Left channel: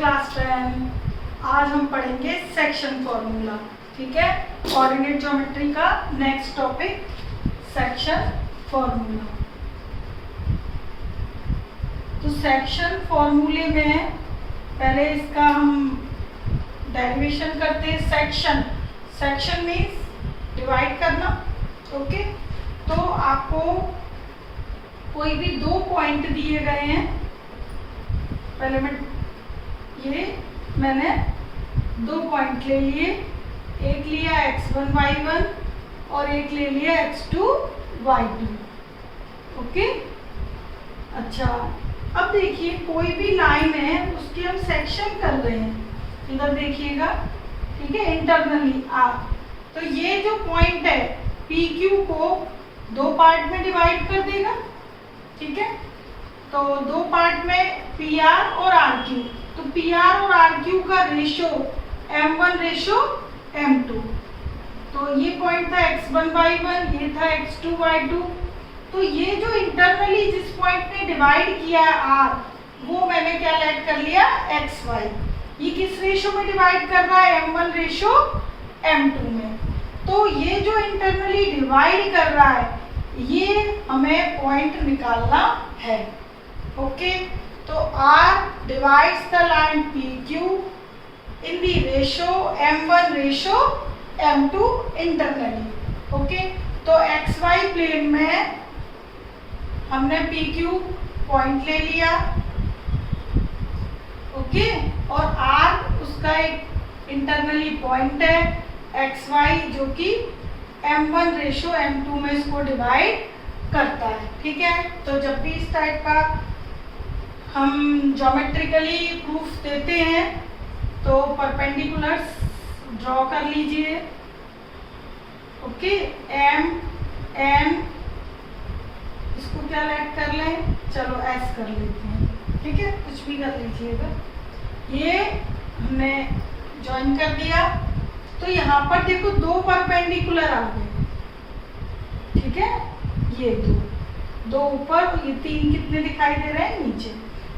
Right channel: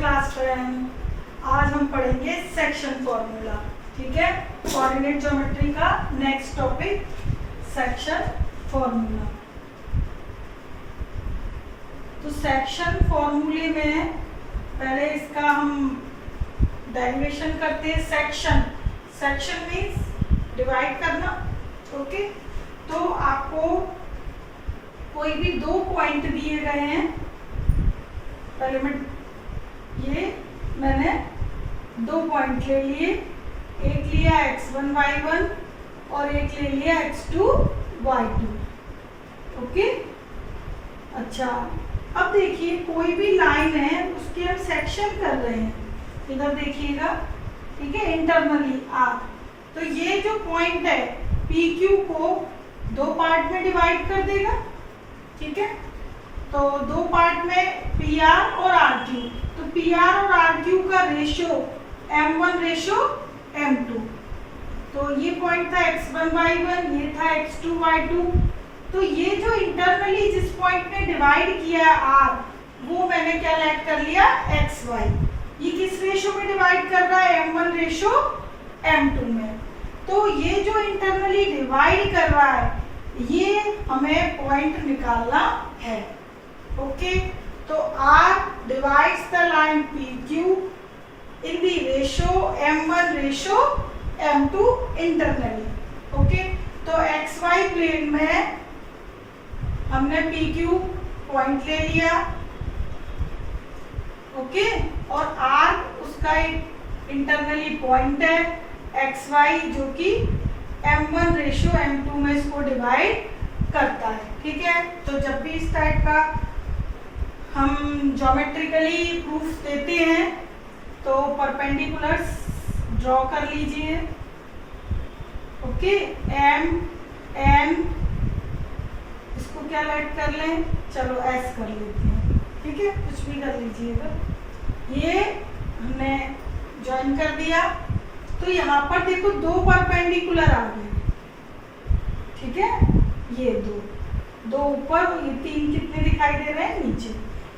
Class 10। आज हम पढ़ेंगे सेक्शन फॉर्मूला। ठीक है, कोऑर्डिनेट ज्योमेट्री का नेक्स्ट टॉपिक सेक्शन फॉर्मूला। तो सेक्शन फॉर्मूले में पहले इसका हम डेरिवेशन करते हैं। सेक्शन मीन्स डिवाइड करना। ओके, तो आपको कोई भी दो पॉइंट दिए गए हैं। पहले मैंने दो पॉइंट ले लिए, एक लिया x1 y1 और एक ले लिया x2 y2। ओके, अच्छा, अब देखिए कोई भी लाइन है उसके हम सेक्शन कर रहे हैं। इधर देखिएगा, ठीक है, इंटरनली आप तो ये जो पॉइंट है PQ को दो पार्ट में डिवाइड कर देगा। ठीक है, तो दो पार्ट में PR और RQ। तो PR और RQ का रेशो M1 रेशो M2। तो ये पॉइंट था x1 y1, ये था x2 y2। तो ये जो इंटरनली जिस पॉइंट ने डिवाइड किया है R, वो मैंने क्या लेट कर लिया xy। ये किस रेशो में डिवाइड कर रहा है? M1 रेशो M2 में। तो ये जो इंटरनली डिवाइड कर रहा है ये हमें पॉइंट निकालना है। ओके, तो R divides the line PQ in the ratio M1 ratio M2 internally। Okay, तो XY प्लेन में हमने PQ पॉइंट ले लिया। ओके, और R उसका एक इंटरनली पॉइंट है XY जो कि M1 रेशो M2 में इसको डिवाइड करता है। ठीक है, तो जब भी इस टाइप का हम ज्योमेट्रिकली प्रूफ देते हैं तो परपेंडिकुलर्स ड्रॉ कर लीजिए। ओके, M N इसको क्या लेट कर लें? चलो S कर लेते हैं। ठीक है, कुछ भी कर लीजिएगा। ये हमने ज्वाइन कर दिया। तो यहाँ पर देखो दो परपेंडिकुलर आ गए। ठीक है, ये दो ऊपर, ये तीन कितने दिखाई दे रहे हैं नीचे।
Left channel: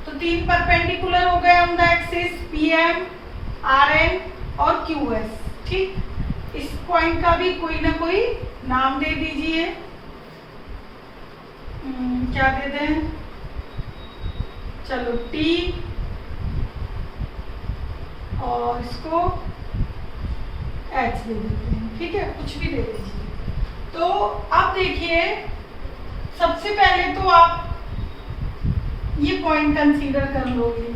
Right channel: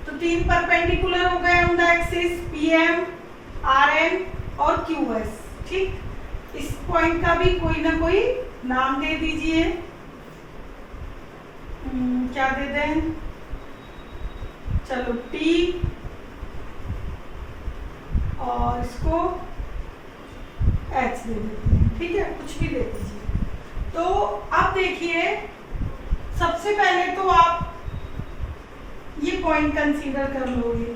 तो तीन परपेंडिकुलर हो गए on the axis PM, RN और QS। ठीक, इस पॉइंट का भी कोई ना कोई नाम दे दीजिए। क्या दे दें? चलो T, और इसको H दे देते हैं। ठीक है, कुछ भी दे दीजिए। तो अब देखिए, सबसे पहले तो आप ये पॉइंट कंसीडर कर लोगे।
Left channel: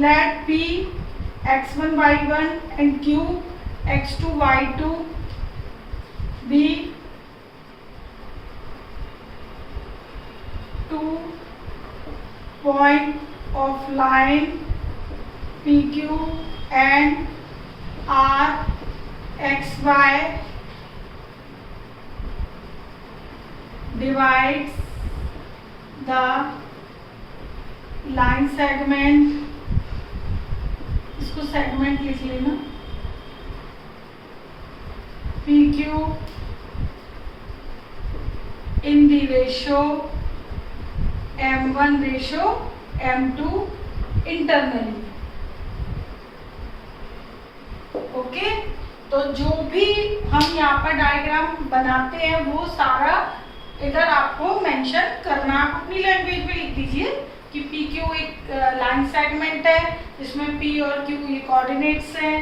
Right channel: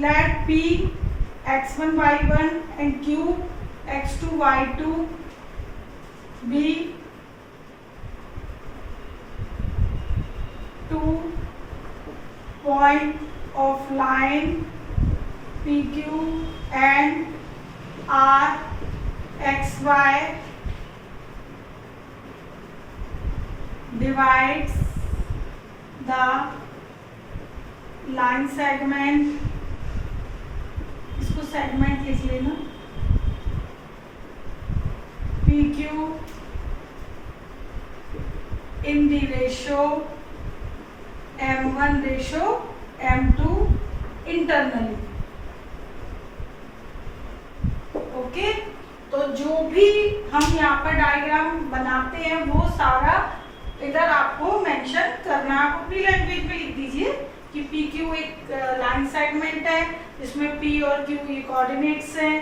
Let P x1 y1 and Q x2 y2 be two point of line PQ and R XY divides the line segment। इसको सेगमेंट लिख लेना। PQ in the ratio M1 ratio M2 internally। Okay, तो जो भी हम यहाँ पर diagram बनाते हैं वो सारा इधर आपको मेंशन करना। आप अपनी लैंग्वेज में लिख दीजिए कि PQ एक लाइन सेगमेंट है जिसमें P और Q ये कोऑर्डिनेट्स हैं।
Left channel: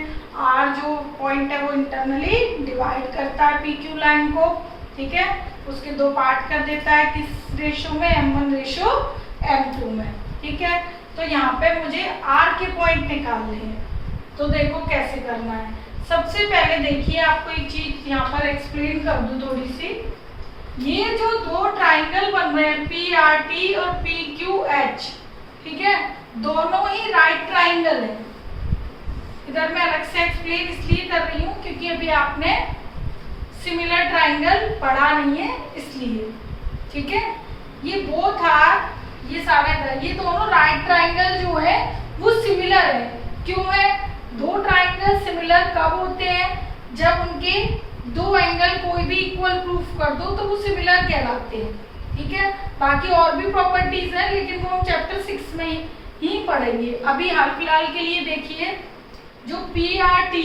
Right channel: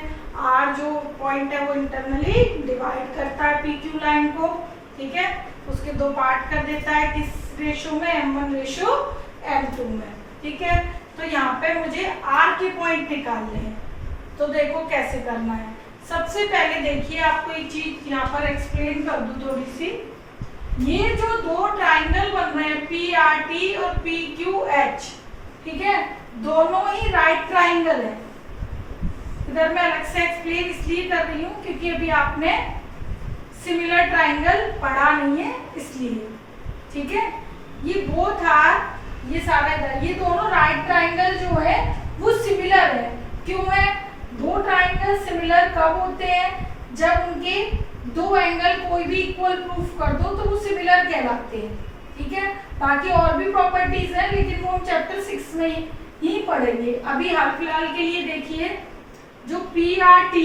R जो पॉइंट है वो इंटरनली डिवाइड करता है PQ लाइन को। ठीक है, उसके दो पार्ट कर देता है किस रेशो में? M1 रेशो M2 में। ठीक है, तो यहाँ पे मुझे R के पॉइंट निकालने हैं। तो देखो कैसे करना है। सबसे पहले देखिए, आपको एक चीज यहाँ पर एक्सप्लेन कर दूं थोड़ी सी। ये जो दो ट्राइंगल बन रहे हैं PRT और PQH, ठीक है, दोनों ही राइट ट्राइंगल है। इधर मैं अलग से एक्सप्लेन इसलिए कर रही हूँ क्योंकि अभी आपने सिमिलर ट्राइंगल पढ़ा नहीं है, इसलिए। ठीक है, ये बोथ आर, ये सारा इधर, ये दोनों राइट ट्राइंगल जो है वो सिमिलर है। क्यों है? दो ट्राइंगल सिमिलर कब होते हैं? जब उनके दो एंगल कोई भी इक्वल प्रूफ कर दो तो वो सिमिलर कहलाते हैं। ठीक है, बाकी और भी प्रॉपर्टीज हैं लेकिन वो हम चैप्टर 6 में ही पढ़ेंगे। अभी हाल फिलहाल के लिए देखिए, जो PRT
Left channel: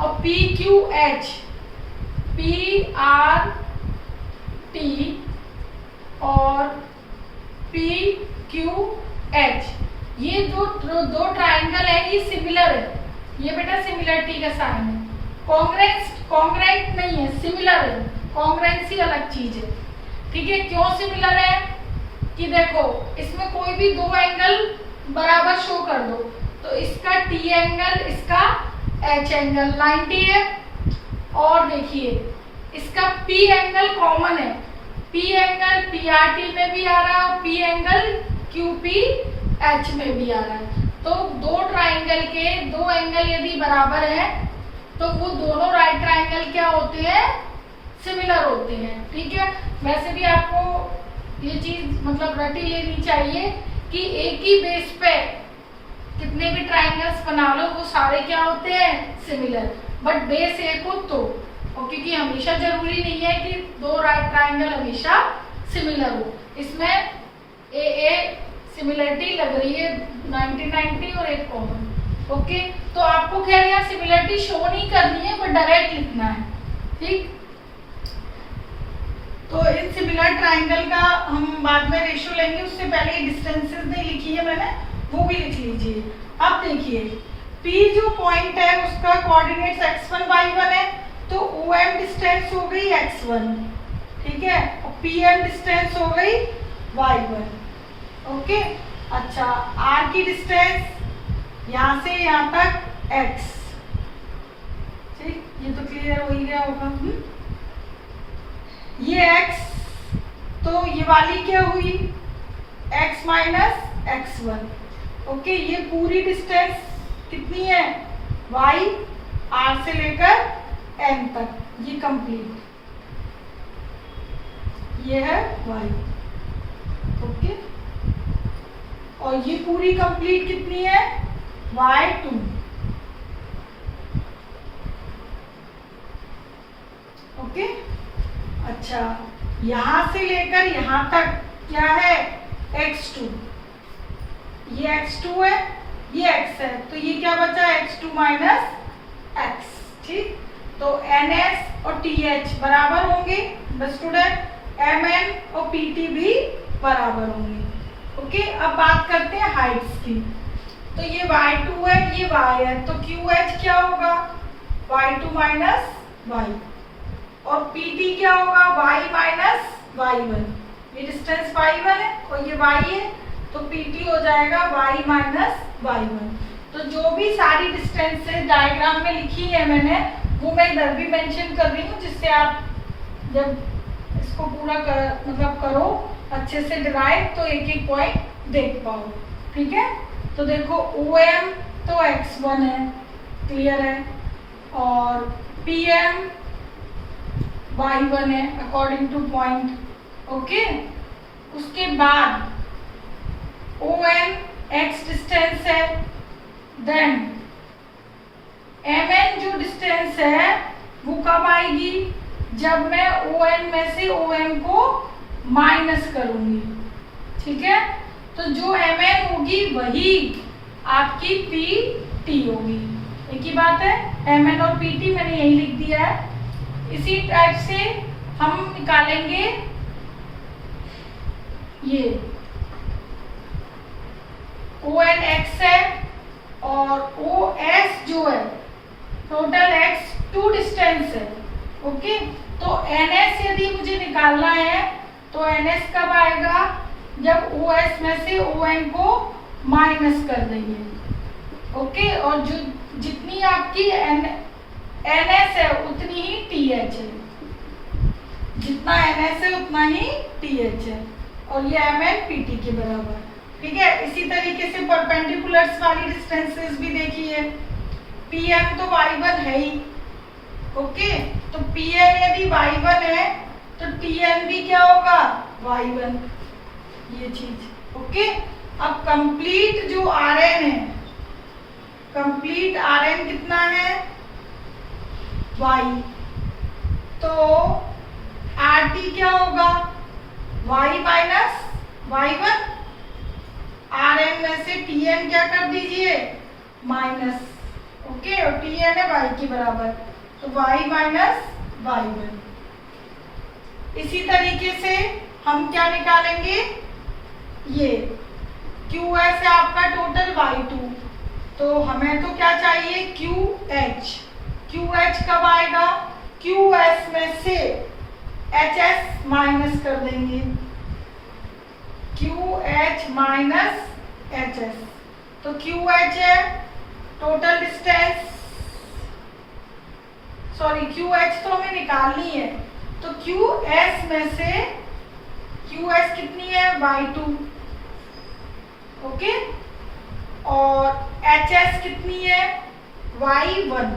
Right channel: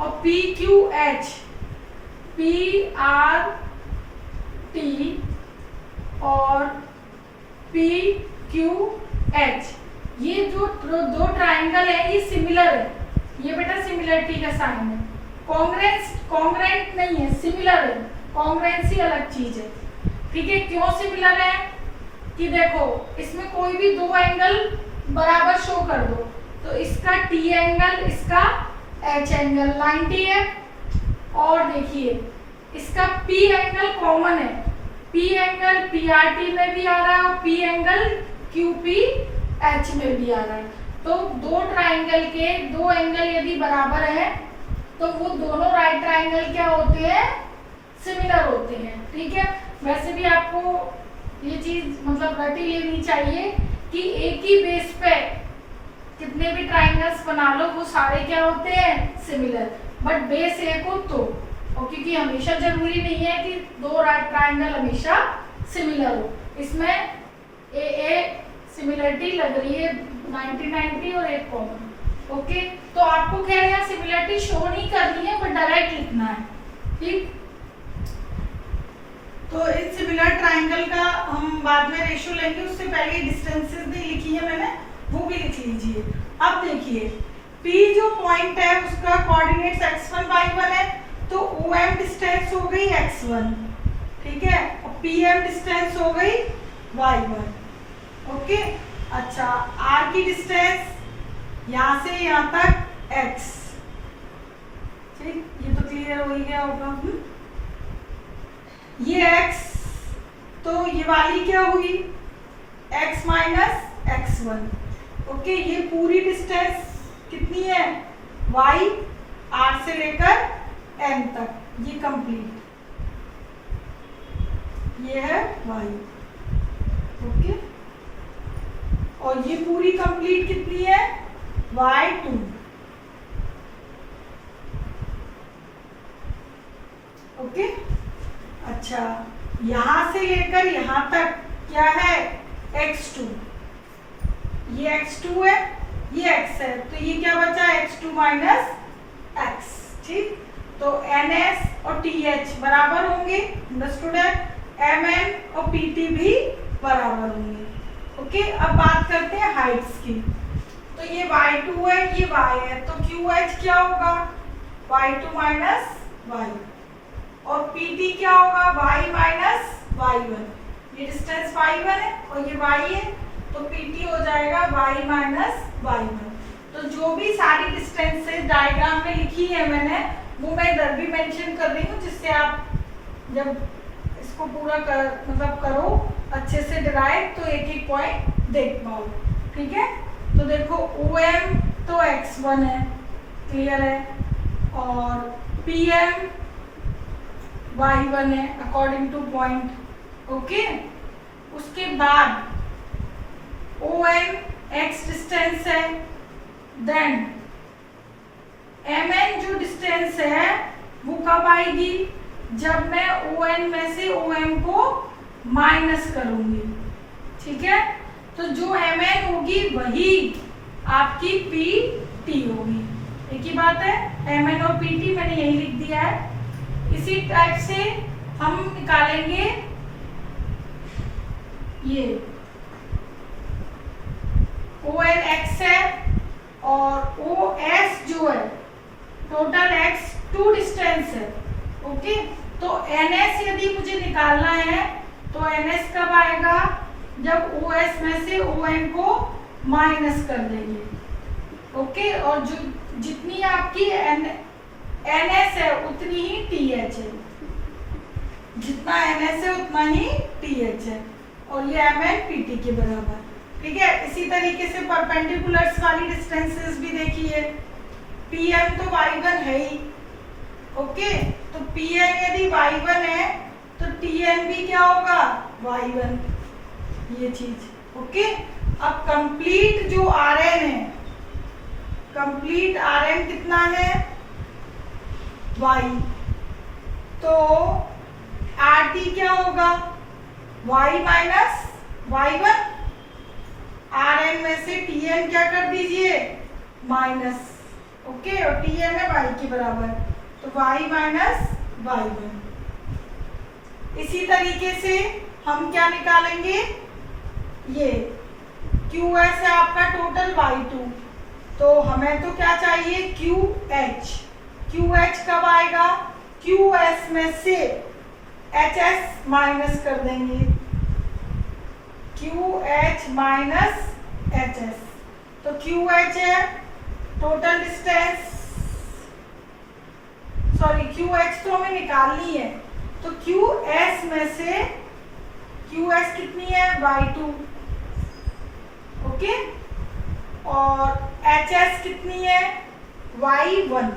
और PQH, PRT और PQH, ये जो दो ट्राइंगल है ये सिमिलर है। ये बेटा सिमिलरिटी का साइन है। कॉन्ग्रेंट नहीं है, सिमिलर है। कॉन्ग्रेंसी अलग चीज है, ठीक है। क्यों सिमिलर है कि देखो इसमें कोई भी दो एंगल बराबर शो कर दो, तो इसका T एंगल, इसका H एंगल 90 है। और देखिए इसका P एंगल कॉमन है, P एंगल PRT में भी आ रहा है, P एंगल QPH में भी आ रहा है। तो दो ट्राइंगल के दो एंगल यदि बराबर है तो वो दोनों राइट ट्राइंगल क्या होते हैं, सिमिलर होते हैं, ठीक है। वैसे भी आपको ये चीज मतलब रटी लेनी चाहिए कि एक ही बेस पे कितने भी ट्राइंगल्स बना लो वो सारे क्या होते हैं, सिमिलर। बट बेस एक हो तो, और क्योंकि हमेशा जरूरी नहीं है कि दो राइट ट्राइंगल हमेशा सिमिलर हो। इसमें ए सिमिलरिटी लग रही है 90-90 और एक कॉमन, ओके। तो आपको खैर यहाँ सिमिलरिटी शो नहीं करनी है, बट डायरेक्ट लिखना है, ठीक। तो इन सिमिलर ट्राइंगल का हम बाद में रेशियो लेंगे, उससे पहले डिस्टेंसेस नहीं लिखी है मैंने, वो भी लिख लीजिए। अब देखिए P जो पॉइंट है उसका कोऑर्डिनेट्स x1 y1 है, तो OM डिस्टेंस हो गई x1, ठीक है, और PM डिस्टेंस हो गई y1, ओके। अच्छा, R की डिस्टेंस यहाँ से यहाँ तक x, ठीक, ये तो क्लियर हो ही गया होगा। ये x, तो ये वाली क्या हुई, x माइनस x1, ओके। ये पूरी डिस्टेंस कितनी है, y, R से लेकर n तक, ये कंप्लीट, ये है y, ओके। और ये पूरी कंप्लीट कितनी है, y2, ओके। अच्छा, यहां से लेकर यहां तक क्या है, x2, ये x2 है, ये x है, तो ये क्या बचा, x2 माइनस x, ठीक। तो NS और TH बराबर होंगे, अंडरस्टूड है। MN और PT भी बराबर होंगे, ओके। अब बात करते हैं हाइट्स की। तो ये y2 है, ये y है, तो QH क्या होगा, y2 माइनस y, और PT क्या होगा, y माइनस y1, ये डिस्टेंस y1 है और ये y है, तो PT हो जाएगा y माइनस y1। तो जो भी सारी डिस्टेंसेस डायग्राम में लिखी है मैंने, वो मैं इधर भी मेंशन कर रही हूँ, जिससे आप जब इसको पूरा मतलब करो अच्छे से डिराइव, तो एक एक पॉइंट देख पाओ, ठीक है। तो देखो OM तो x1 है, क्लियर है, और PM y1 है अकॉर्डिंग टू पॉइंट, ओके। उसके बाद ON x डिस्टेंस है, देन MN जो डिस्टेंस है वो कब आएगी, जब मैं ON में से OM को माइनस करूंगी, ठीक है। तो जो MN होगी वही आपकी PT होगी, एक ही बात है। MN और PT मैंने यही लिख दिया है। इसी टाइप से हम निकालेंगे ये ON x है और OS जो है टोटल x2 डिस्टेंस है, ओके। तो NS यदि मुझे निकालना है तो NS कब आएगा, जब OS में से ON को माइनस कर देंगे, ओके। और जो जितनी आपकी NS है उतनी ही TH है, जितना NS है उतना ही TH है, और ये MN PT के बराबर, ठीक है। इसी तरीके से परपेंडिकुलर्स वाली डिस्टेंसेस भी देखिए। PM तो y1 है ही, ओके। तो PM यदि y1 है तो TN भी क्या होगा, y1, ये चीज, ओके। अब कंप्लीट जो RN है, कंप्लीट RN कितना है, y, तो RT क्या होगा, y minus y1, are N में से टी एन क्या कर दीजिए, माइनस, ओके, और टी एन है वाई के बराबर, तो वाई माइनस वाई वन। इसी तरीके से हम क्या निकालेंगे, ये क्यू एस है आपका टोटल वाई टू, तो हमें तो क्या चाहिए, क्यू एच। क्यू एच कब आएगा, क्यू एस में से एच एस माइनस कर देंगे, Q H minus H S, तो क्यू एच है total distance, sorry Q H तो हमें निकालनी है, तो क्यू एस में से क्यू एस कितनी है, वाई टू, ओके, और एच एस कितनी है, वाई वन,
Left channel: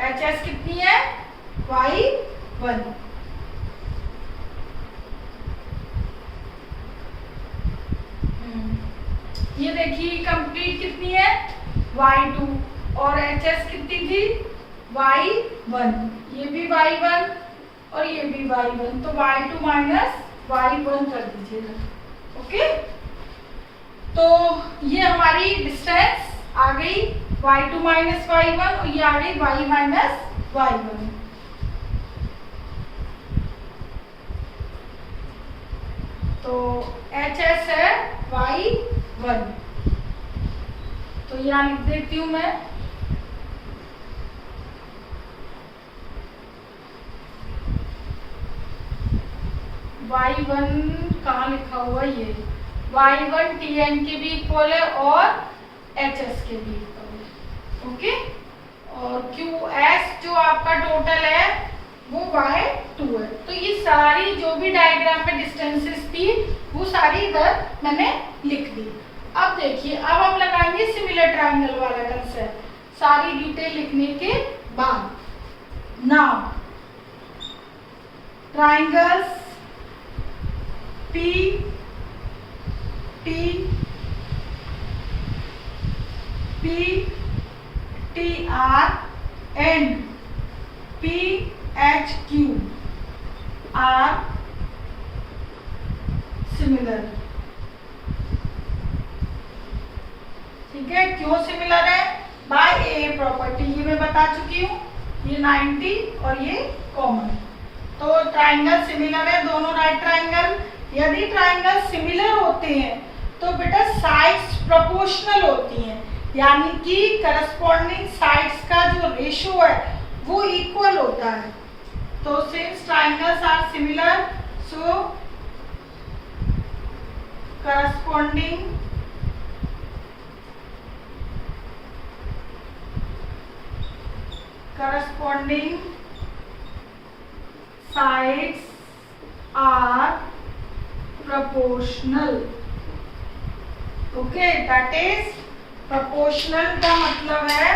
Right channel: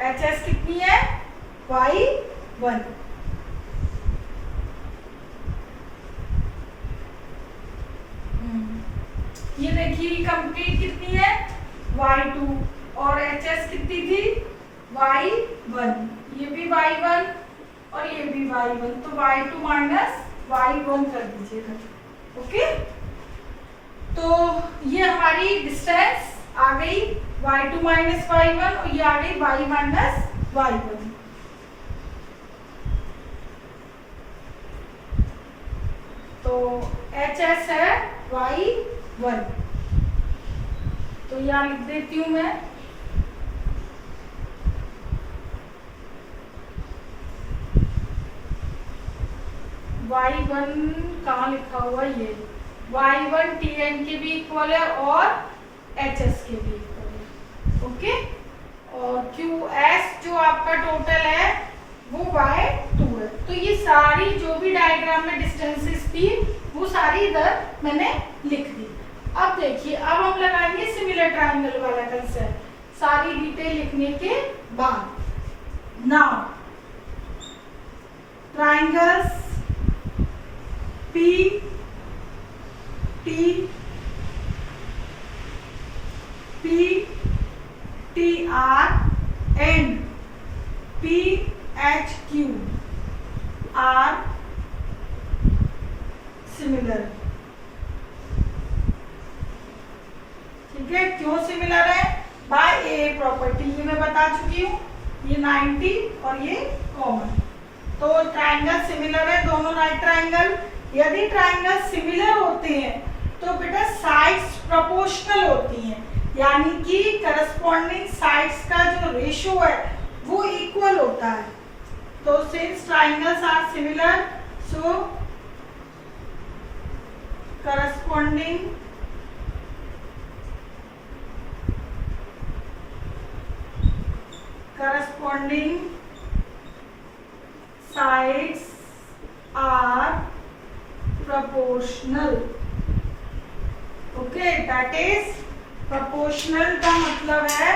एच एस कितनी है, वाई वन। ये देखिए कंप्लीट कितनी है, वाई टू, और एच एस कितनी थी, वाई वन, ये भी वाई वन और ये भी वाई वन, तो Y two minus Y one कर दीजिएगा, ओके। तो ये हमारी डिस्टेंस आ गई Y two minus Y one, और ये आ गई वाई माइनस वाई वन। तो एच एस है वाई वन, तो यहाँ लिख देती हूँ मैं, वाई वन कहाँ लिखा हुआ, ये वाई वन टी एन के भी इक्वल है और एच एस के भी इक्वल है, ओके। और क्यू एस जो आपका टोटल है वो वाई टू है। तो ये सारी जो भी डायग्राम में डिस्टेंसेस थी वो सारी इधर मैंने लिख दी। अब देखिए, अब हम लगाएंगे सिमिलर ट्रायंगल वाला कंसेप्ट सारी डिटेल लिखने के बाद। Now triangles P T P T R and P H Q R similar. ठीक है, क्यों सिमिलर है, बाय ए प्रॉपर्टी, ये मैं बता चुकी हूँ, ये 90 और ये कॉमन। तो ट्रायंगल सिमिलर है, दोनों राइट ट्रायंगल। यदि ट्रायंगल सिमिलर होते हैं तो बेटा साइड्स प्रोपोर्शनल होती हैं, यानी कि करस्पॉन्डिंग साइड्स का जो रेशियो है वो इक्वल होता है। तो since triangles are similar, so corresponding sides are proportional, okay, that is proportional का मतलब है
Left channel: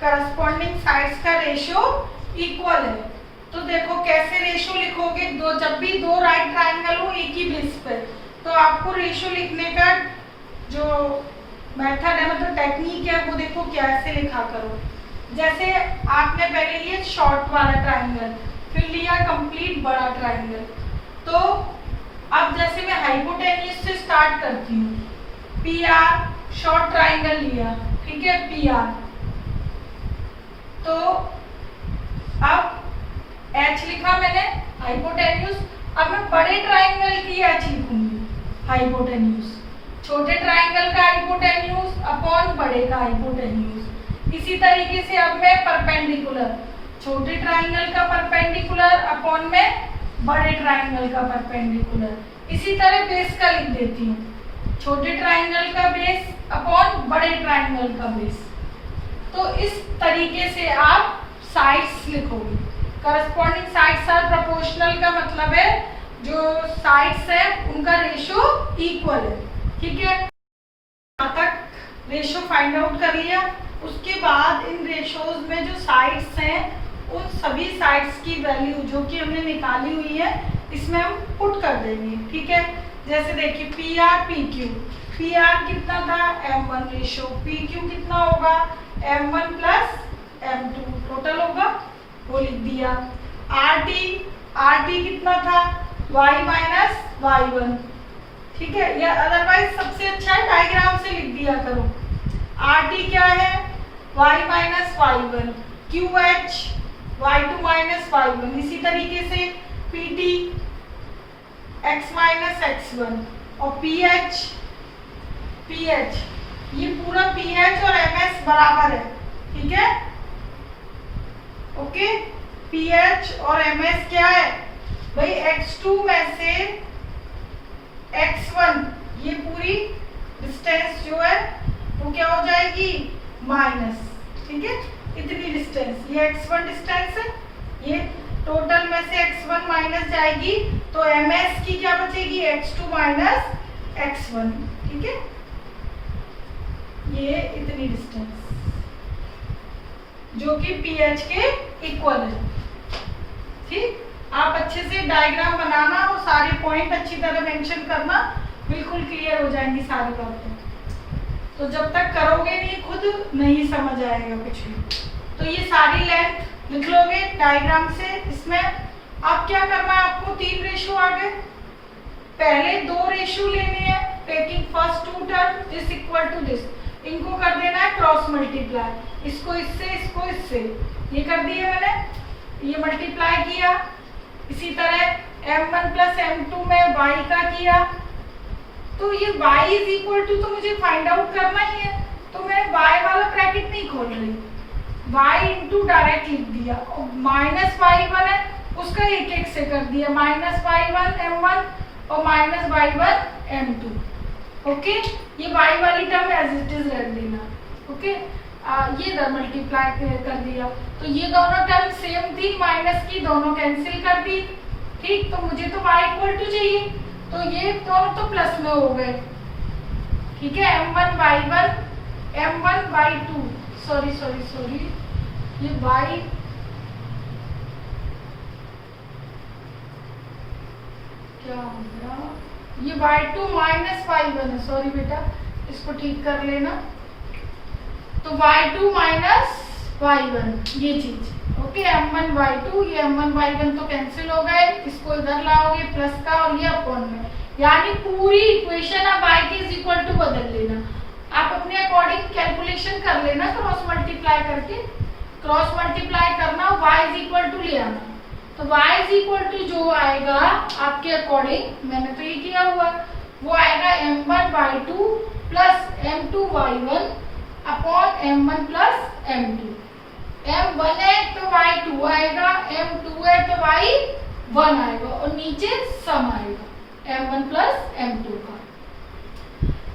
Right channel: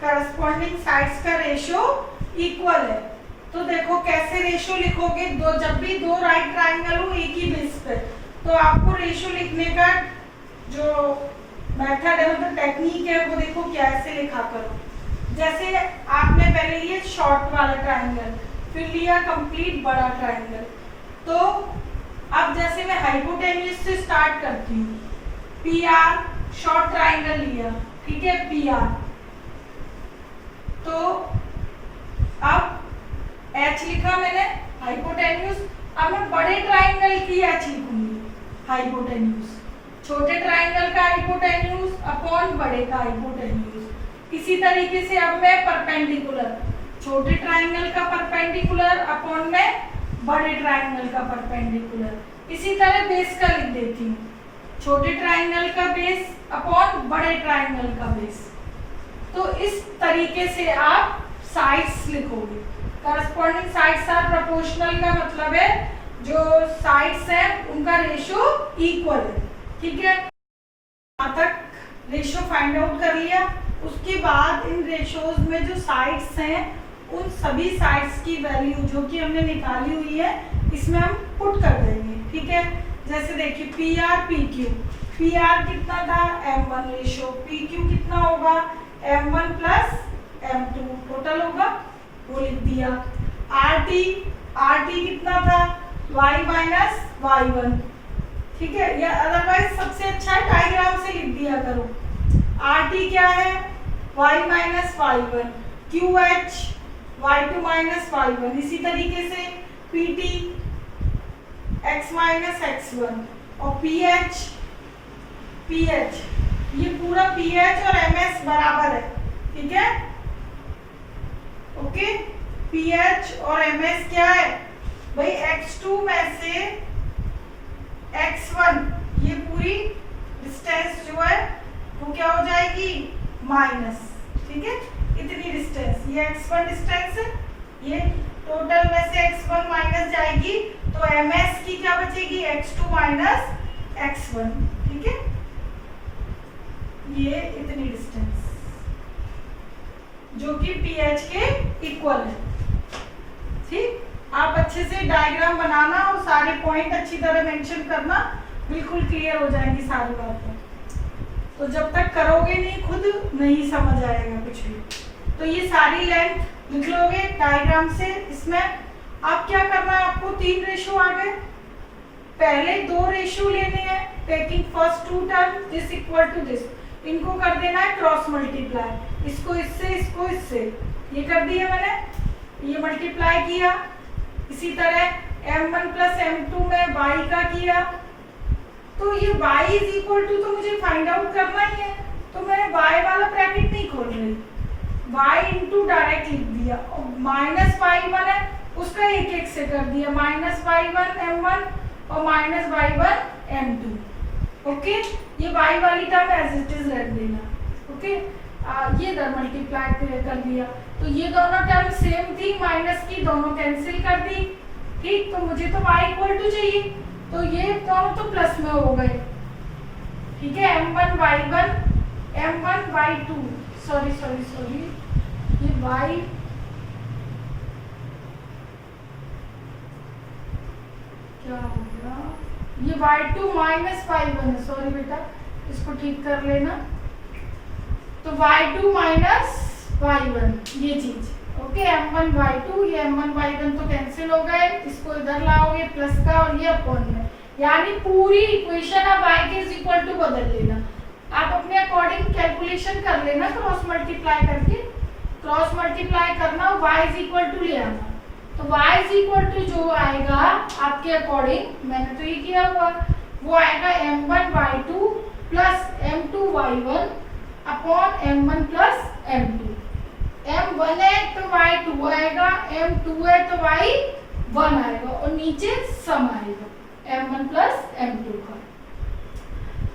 करस्पॉन्डिंग साइड्स का रेशियो इक्वल है। तो देखो कैसे रेशियो लिखोगे, दो जब भी दो राइट ट्रायंगल हो एक ही बेस पे, तो आपको रेशियो लिखने का जो मेथड है, मतलब टेक्निक है, वो देखो कैसे लिखा करो। जैसे आपने पहले लिया शॉर्ट वाला ट्रायंगल, फिर लिया कंप्लीट बड़ा ट्रायंगल, तो अब जैसे मैं हाइपोटेन्यूज से स्टार्ट करती हूँ, पी आर शॉर्ट ट्रायंगल लिया, ठीक है, पी आर, तो अब एच लिखा मैंने हाइपोटेन्यूज। अब मैं बड़े ट्रायंगल की एच लिखूंगी हाइपोटेन्यूज, छोटे ट्रायंगल का हाइपोटेन्यूज अपॉन बड़े का हाइपोटेन्यूज। इसी तरीके से अब मैं परपेंडिकुलर, छोटे ट्रायंगल का परपेंडिकुलर अपॉन में बड़े ट्रायंगल का परपेंडिकुलर। इसी तरह बेस का लिख देती हूँ, छोटे ट्रायंगल का बेस अपॉन बड़े ट्रायंगल का बेस। तो इस तरीके से आप साइड्स लिखोगे। करस्पॉन्डिंग साइड्स आर प्रोपोर्शनल का मतलब है जो साइड्स है उनका रेशियो इक्वल है, ठीक है। यहाँ तक रेशियो फाइंड आउट कर लिया। उसके बाद इन रेशियोज में जो साइड्स हैं उन सभी साइड्स की वैल्यू जो कि हमने निकाली हुई है इसमें हम पुट कर देंगे, ठीक है। जैसे देखिए P R P Q, P R कितना था m1 रेशियो, पी क्यू कितना होगा m1 प्लस m2 टोटल होगा, वो लिख दिया। आर टी कितना था y माइनस y1, ठीक है। या अदरवाइज सबसे अच्छा है डायग्राम से लिख दिया करो। RT क्या है, y minus y1, QH y2 minus y1, इसी तरीके से PT x माइनस x1 और PH ये पूरा PH और MS बराबर है, ठीक है, ओके। PH और MS क्या है भाई, x2 में से x1, ये पूरी डिस्टेंस जो है वो क्या हो जाएगी, माइनस, ठीक है, इतनी डिस्टेंस, ये x1 डिस्टेंस है, ये टोटल में से x1 माइनस जाएगी तो MS की क्या बचेगी, x2 माइनस x1, ठीक है, ये इतनी डिस्टेंस जो कि PH के इक्वल है, ठीक। आप अच्छे से डायग्राम बनाना और सारे पॉइंट अच्छी तरह मेंशन करना, बिल्कुल क्लियर हो जाएंगी सारी बातें। तो जब तक करोगे नहीं खुद नहीं समझ आएगा कुछ भी। तो ये सारी लेंथ लिख लोगे डायग्राम से। इसमें अब क्या करना है आपको, 3 रेशो आ गए, पहले 2 रेशो लेने हैं, taking first 2 term this equal to this, इनको कर देना है क्रॉस मल्टीप्लाई, इसको इससे इसको इससे, ये कर दिया मैंने, ये मल्टीप्लाई किया। इसी तरह m1 प्लस m2 में y का किया, तो ये y इज इक्वल टू, तो मुझे फाइंड आउट करना ही है, तो मैं y वाला ब्रैकेट नहीं खोल रही, y इंटू डायरेक्ट लिख दिया, और माइनस y1 है उसका एक एक से कर दिया, माइनस y1 m1 और माइनस y1 m2, ओके। ये y वाली टर्म एज इट इज रख देना, ओके। ये इधर मल्टीप्लाई कर दिया, तो ये दोनों टर्म सेम थी, माइनस की दोनों कैंसिल कर दी, ठीक। तो मुझे तो y इक्वल टू चाहिए, तो ये दोनों तो प्लस में हो गए, ठीक है। m1 y1 m1 y2, sorry ये y क्या हो गया, ये y2 माइनस y1 है, सॉरी बेटा, इसको ठीक कर लेना। तो y2 माइनस y1 ये चीज, ओके। m1 y2, ये m1 y1 तो कैंसिल हो गए, इसको इधर लाओगे प्लस का और ये अपॉन में, यानी पूरी इक्वेशन अब y के इज इक्वल टू बदल लेना। आप अपने अकॉर्डिंग कैलकुलेशन कर लेना, क्रॉस मल्टीप्लाई करके, क्रॉस मल्टीप्लाई करना, y इज इक्वल टू ले आना, तो y इज इक्वल टू जो आएगा आपके अकॉर्डिंग, मैंने तो ये किया हुआ, वो आएगा m1 y2 plus m2 y1 upon m1 plus m2। m1 है तो y2 आएगा, m2 है तो y1 आएगा, और नीचे सम आएगा m1 प्लस m2 का।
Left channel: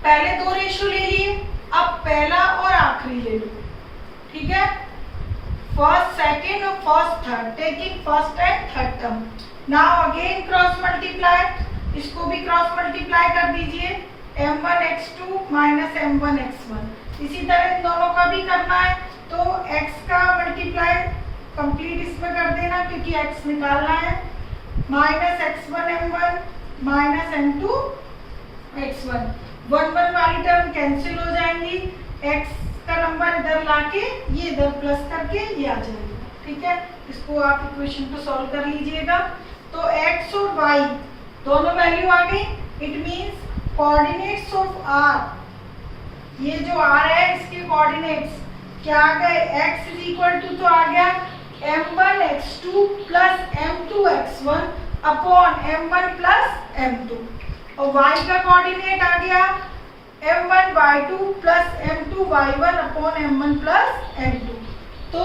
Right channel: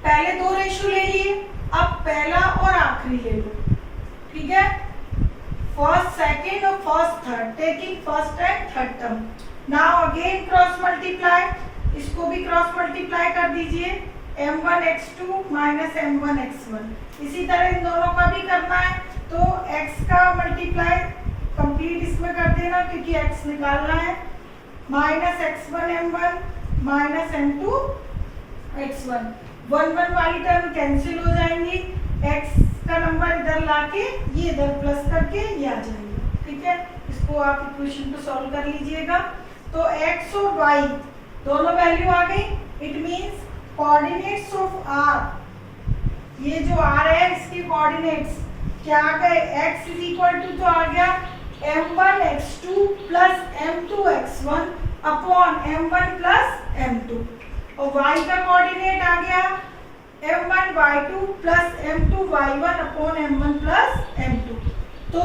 पहले 2 रेशो ले लिए, अब पहला और आखिरी ले लो, ठीक है। फर्स्ट सेकेंड और first third, taking first and third term. Now again cross multiply, इसको भी क्रॉस मल्टीप्लाई कर दीजिए, m1 x2 minus m1 x1। इसी तरह इन दोनों का भी करना है, तो x का मल्टीप्लाई कंप्लीट इसमें कर देना क्योंकि x निकालना है, minus x1 m1 minus m2 x1। 1 1 वाली टर्म कैंसिल हो जाएंगी, x का नंबर इधर लाके ये इधर प्लस करके ये आ जाएगा, ठीक है। इसको आप इक्वेशन को सॉल्व कर लीजिएगा। तो x और y दोनों वैल्यू आ गई, it means coordinates of r, ये जो r है इसके कोऑर्डिनेट्स क्या आ गए, x इज इक्वल टू तो आ गया m1 x2 plus m2 x1 upon m1 plus m2, और y का कोऑर्डिनेट आ गया m1 y2 plus m2 y1 upon m1 plus m2। तो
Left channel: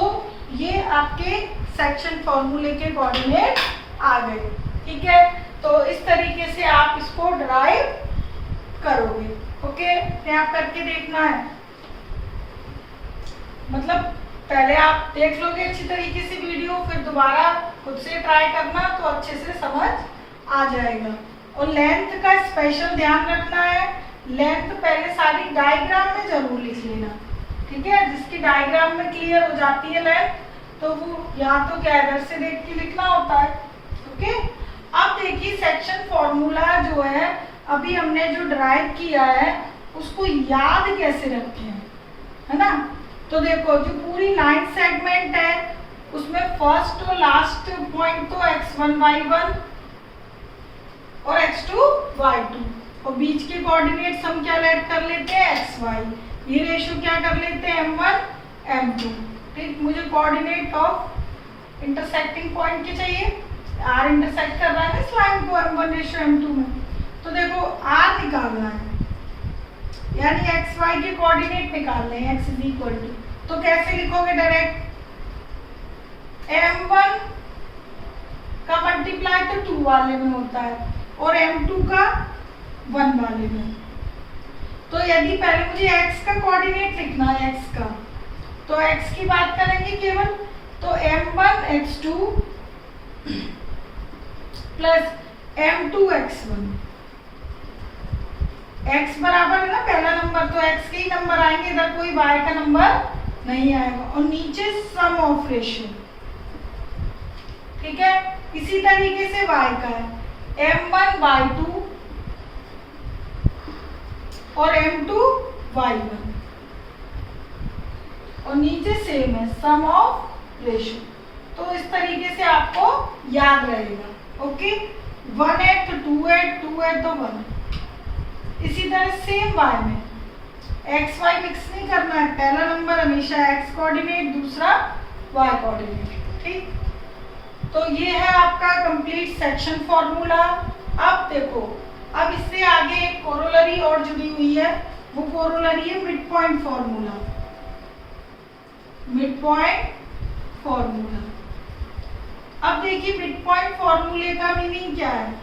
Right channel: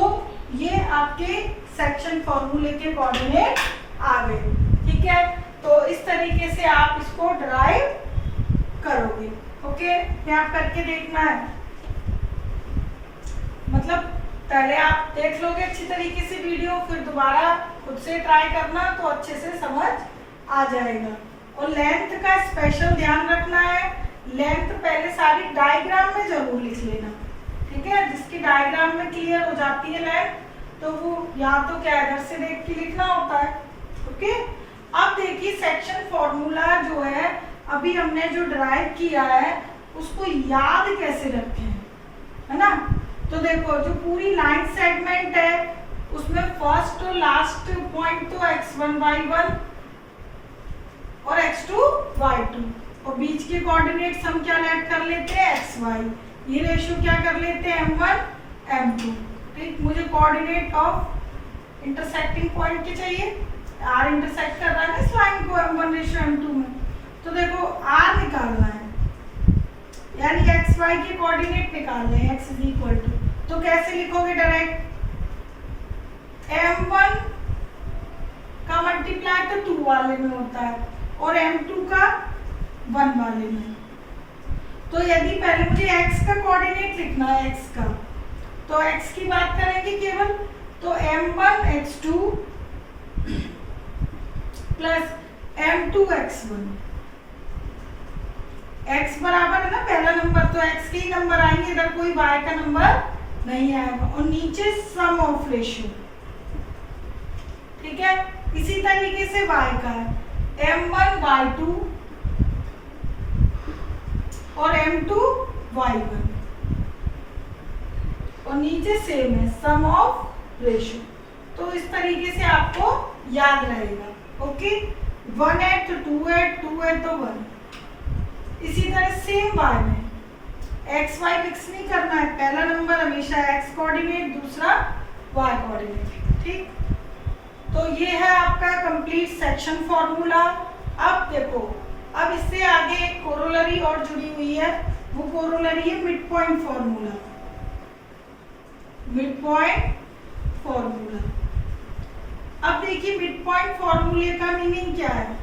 ये आपके सेक्शन फॉर्मूले के कोऑर्डिनेट आ गए, ठीक है। तो इस तरीके से आप इसको ड्राइव करोगे, ओके। यहाँ करके देखना है, मतलब पहले आप देख लोगे अच्छी तरीके से वीडियो, फिर दोबारा खुद से ट्राई करना तो अच्छे से समझ आ जाएगा। और लेंथ का स्पेशल ध्यान रखना है, लेंथ पहले सारी डायग्राम में जरूर लिख लेना, ठीक है। जिसकी डायग्राम में क्लियर हो जाती है लेंथ, तो वो यहाँ तो क्या इधर से देख के लिखना होता है, ओके। अब देखिए सेक्शन फॉर्मूला जो है अभी हमने जो ड्राइव किया है उसको याद कैसे रखें, है ना। तो देखो जो पूरी लाइन सेगमेंट है उसमें फर्स्ट और लास्ट पॉइंट तो x1 y1, और x2 y2, और बीच के कोऑर्डिनेट्स हम क्या लेट कर लेते हैं xy। ये रेशियो क्या कर लेते हैं m1 m2। ठीक, मुझे कोऑर्डिनेट ऑफ इंटरसेक्टिंग पॉइंट के चाहिए। r इंटरसेक्ट कर रहा है ना इस लाइन को m1 रेशियो m2 में, तो देखो r निकालना है, यानी xy के कोऑर्डिनेट निकालने हैं x इज इक्वल टू, तो कैसे लिखोगे डायरेक्ट, m1 का मल्टीप्लाई तो 2 वाले में होता है और m2 का 1 वाले में। तो यदि पहले मुझे x का कोऑर्डिनेट लिखना है x का, तो x की बात करेंगे केवल, तो m1 x2 plus m2 x1, x बराबर है ना पहला नंबर, तो x के ही नंबर आएंगे, इधर कोई y का नंबर नहीं आएगा, और नीचे सम ऑफ रेशियो। ठीक है, इसी तरीके से y का है m1 y2 और m2 y1, और नीचे सेम है सम ऑफ रेशियो। तो इस तरीके से आपको याद रहेगा। ओके, 1 है तो 2 है, 2 है तो 1। इसी तरह सेम y में एक्स वाई मिक्स नहीं करना है, पहला नंबर हमेशा x कोऑर्डिनेट, दूसरा y कोऑर्डिनेट। ठीक, तो ये है आपका कंप्लीट सेक्शन फॉर्मूला। अब देखो, अब इससे आगे एक कोरोलरी और जुड़ी हुई है, वो कोरोलरी है mid point formula. Mid point formula, अब देखिए मिड पॉइंट फॉर्मूले का मीनिंग क्या है।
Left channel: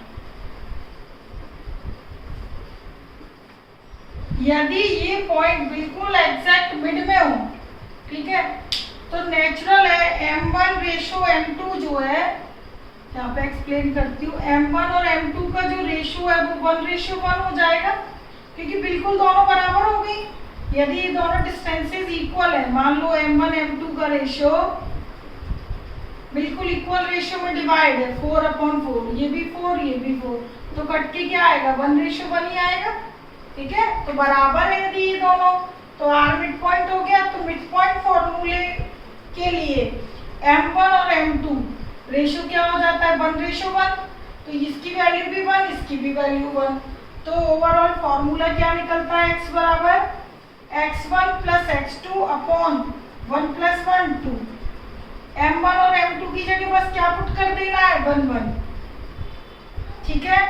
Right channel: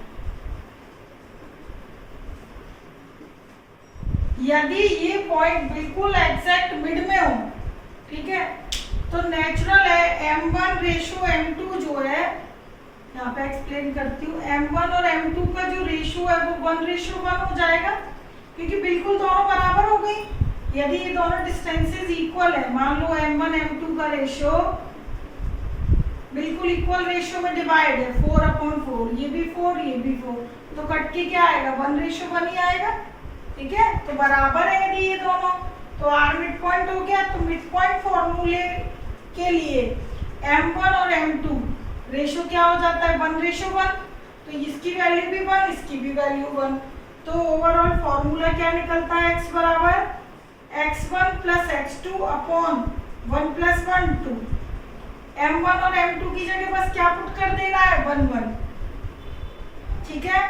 यदि ये पॉइंट बिल्कुल एग्जैक्ट मिड में हो, ठीक है, तो नेचुरल है m1 रेशो m2 जो है, यहाँ पे एक्सप्लेन करती हूँ, m1 और m2 का जो रेशो है वो 1:1 हो जाएगा, क्योंकि बिल्कुल दोनों बराबर हो गई। यदि ये दोनों डिस्टेंसेस इक्वल है, मान लो m1 m2 का रेशो बिल्कुल इक्वल रेशो में डिवाइड है 4/4, ये भी 4 ये भी 4, तो कट के क्या आएगा 1:1 ही आएगा। ठीक है, तो बराबर है यदि ये दोनों, तो r मिड पॉइंट हो गया। तो मिड पॉइंट फॉर्मूले के लिए m1 और m2 रेशो क्या हो जाता है 1:1, तो इसकी वैल्यू भी 1, इसकी भी वैल्यू 1, तो ओवरऑल फॉर्मूला क्या निकलता है, x बराबर x1 plus x2 upon 1 + 1 2। m1 और m2 की जगह बस क्या पुट कर देना है 1 1। ठीक है,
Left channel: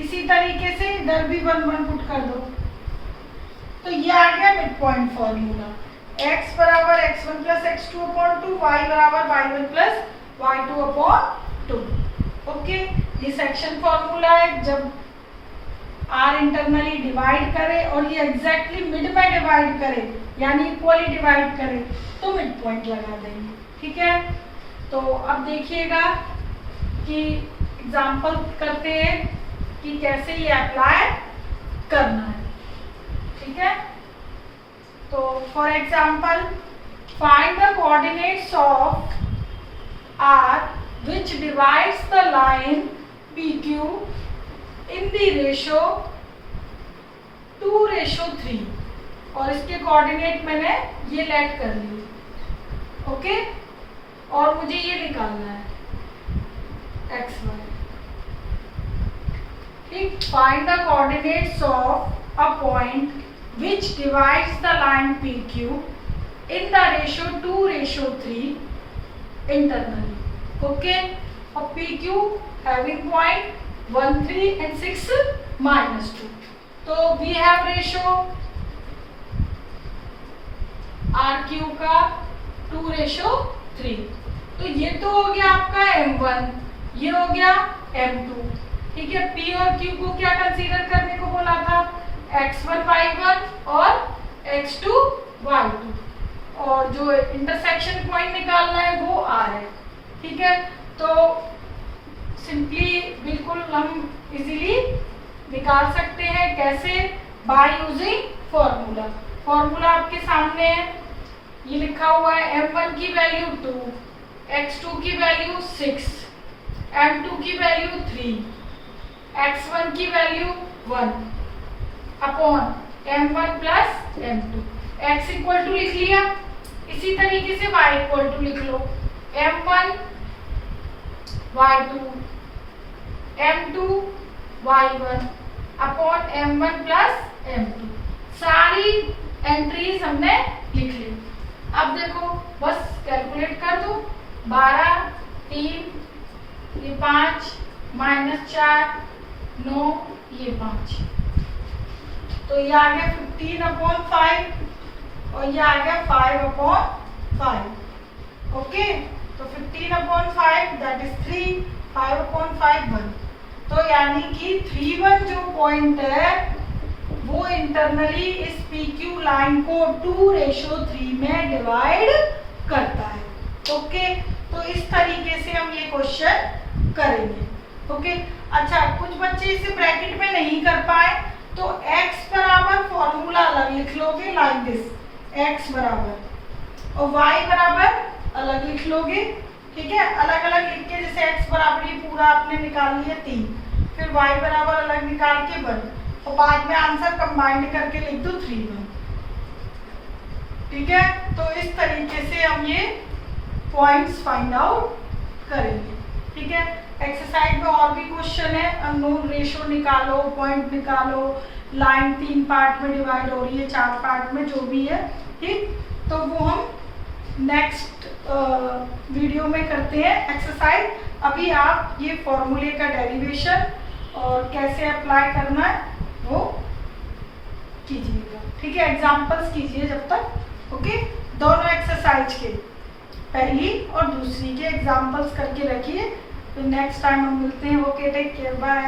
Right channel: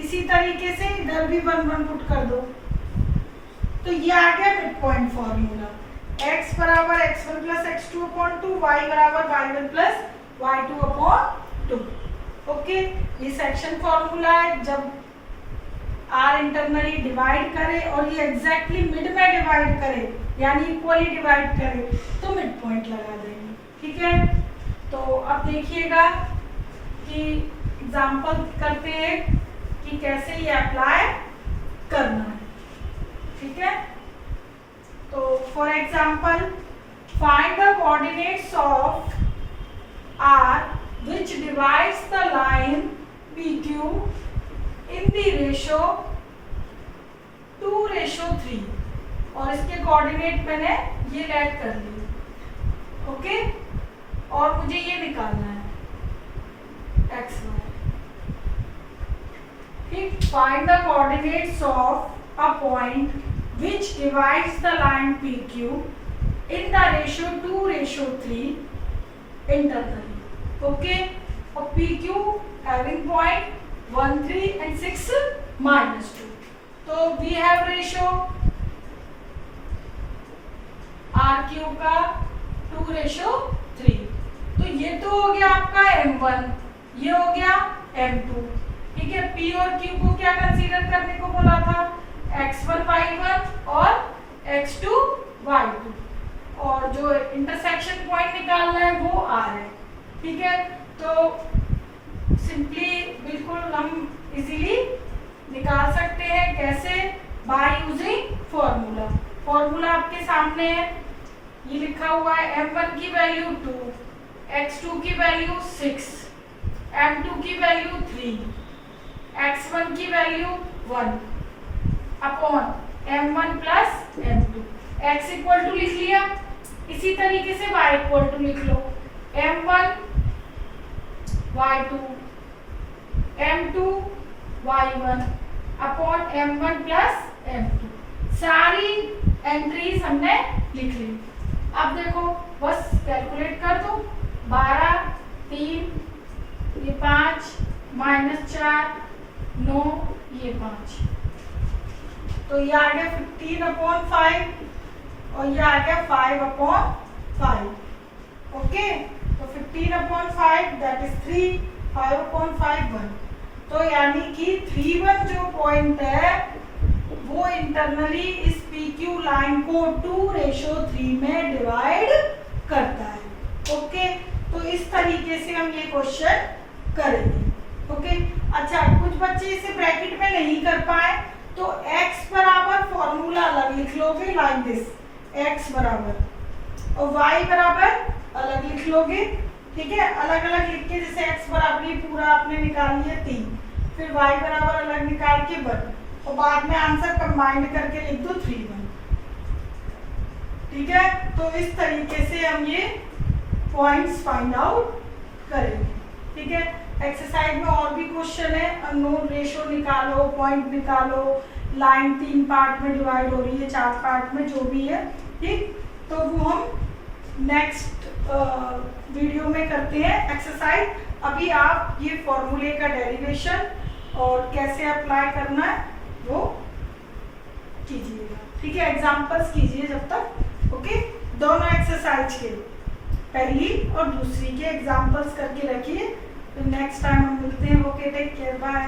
इसी तरीके से इधर भी 1 1 पुट कर दो, तो ये आ गया मिड पॉइंट फॉर्मूला। x बराबर x1 plus x2 upon 2, y बराबर y1 plus y2 upon 2। Okay, ये सेक्शन फॉर्मूला है, जब r इंटरनली डिवाइड करे और ये एग्जैक्टली मिड में डिवाइड करे, यानी इक्वली डिवाइड करे, तो मिड पॉइंट लगा देंगे। ठीक है, तो अब देखिएगा कि एग्जाम्पल करते हैं कि कैसे ये अप्लाई करना है। ठीक है, तो for example find the coordinates of r which divides the line PQ in the ratio 2:3, और इसके कोऑर्डिनेट मैंने ये लेट कर लिए। ओके, और मुझे ये निकालना है x y। ठीक, find the coordinates of a point which divides the line PQ in the ratio 2:3 internally. Okay, और PQ having point 1 3 and 6 -2. तो we have ratio RQ का 2:3। तो ये तो हो गया आपका M1, ये हो गया M2। ठीक है, P और Q को क्या कंसीडर करने को बोला था, x1 y1 और x2 y2, और जो इंटरसेक्शन पॉइंट निकालना है वो r है। ठीक है, तो सिंपली बिल्कुल हम इजीली निकाल सकते हैं, कैसे, बाय यूजिंग फॉर्मूला। फॉर्मूला आपके सामने है, ये लिखा हुआ है m1 की वैल्यू 2, x2 की वैल्यू 6, m2 की वैल्यू 3, x1 की value 1 upon m1 plus m2। x equal to लिख लिया, इसी तरीके से y इक्वल टू लिख लो, m1 y2 m2 y1 upon m1 plus m2। सारी एंट्रीज हमने लिख ली। अब देखो बस कैलकुलेट कर दो। 12 3 ये 5 -4 9 ये 5, तो ये आ गया 15/5 और ये आ गया 5/5। ओके, तो 15/5 दैट इज 3, 5/5 1। तो यानी कि 3 1 जो पॉइंट है वो इंटरनली इस PQ लाइन को 2:3 में डिवाइड करता है। ओके, तो इस तरीके से हम ये क्वेश्चन करेंगे। ओके, अच्छा कुछ बच्चे इसे ब्रैकेट में नहीं कर पाए तो x बराबर फॉर्मूला अलग लिख लोगे लाइक दिस, x बराबर और y बराबर अलग लिख लोगे। ठीक है, अलग अलग लिख के जैसे x बराबर ही पूरा आपने निकाल लिया 3, फिर y बराबर अलग निकाल के 1 और बाद में आंसर कंबाइंड करके लिख दो 3 1। ठीक है, तो इस तरीके से हम ये पॉइंट्स फाइंड आउट करेंगे। ठीक है, एक्सरसाइज में और भी क्वेश्चन है, अननोन रेशो निकालो, पॉइंट निकालो, लाइन 3 पार्ट में डिवाइड हो रही है 4 पार्ट में, जो भी है। ठीक, तो वो हम नेक्स्ट वीडियो में करते हैं एक्सरसाइज। अभी आप ये फॉर्मूले का डेरिवेशन और कैसे अप्लाई करना है वो कीजिएगा। ठीक है, एग्जांपल्स कीजिए जब तक। ओके, दोनों एक्सरसाइज के पहली और दूसरी के एग्जांपल्स करके रखिए। तो नेक्स्ट टाइम हम मिलते हैं। Okay, take care, bye.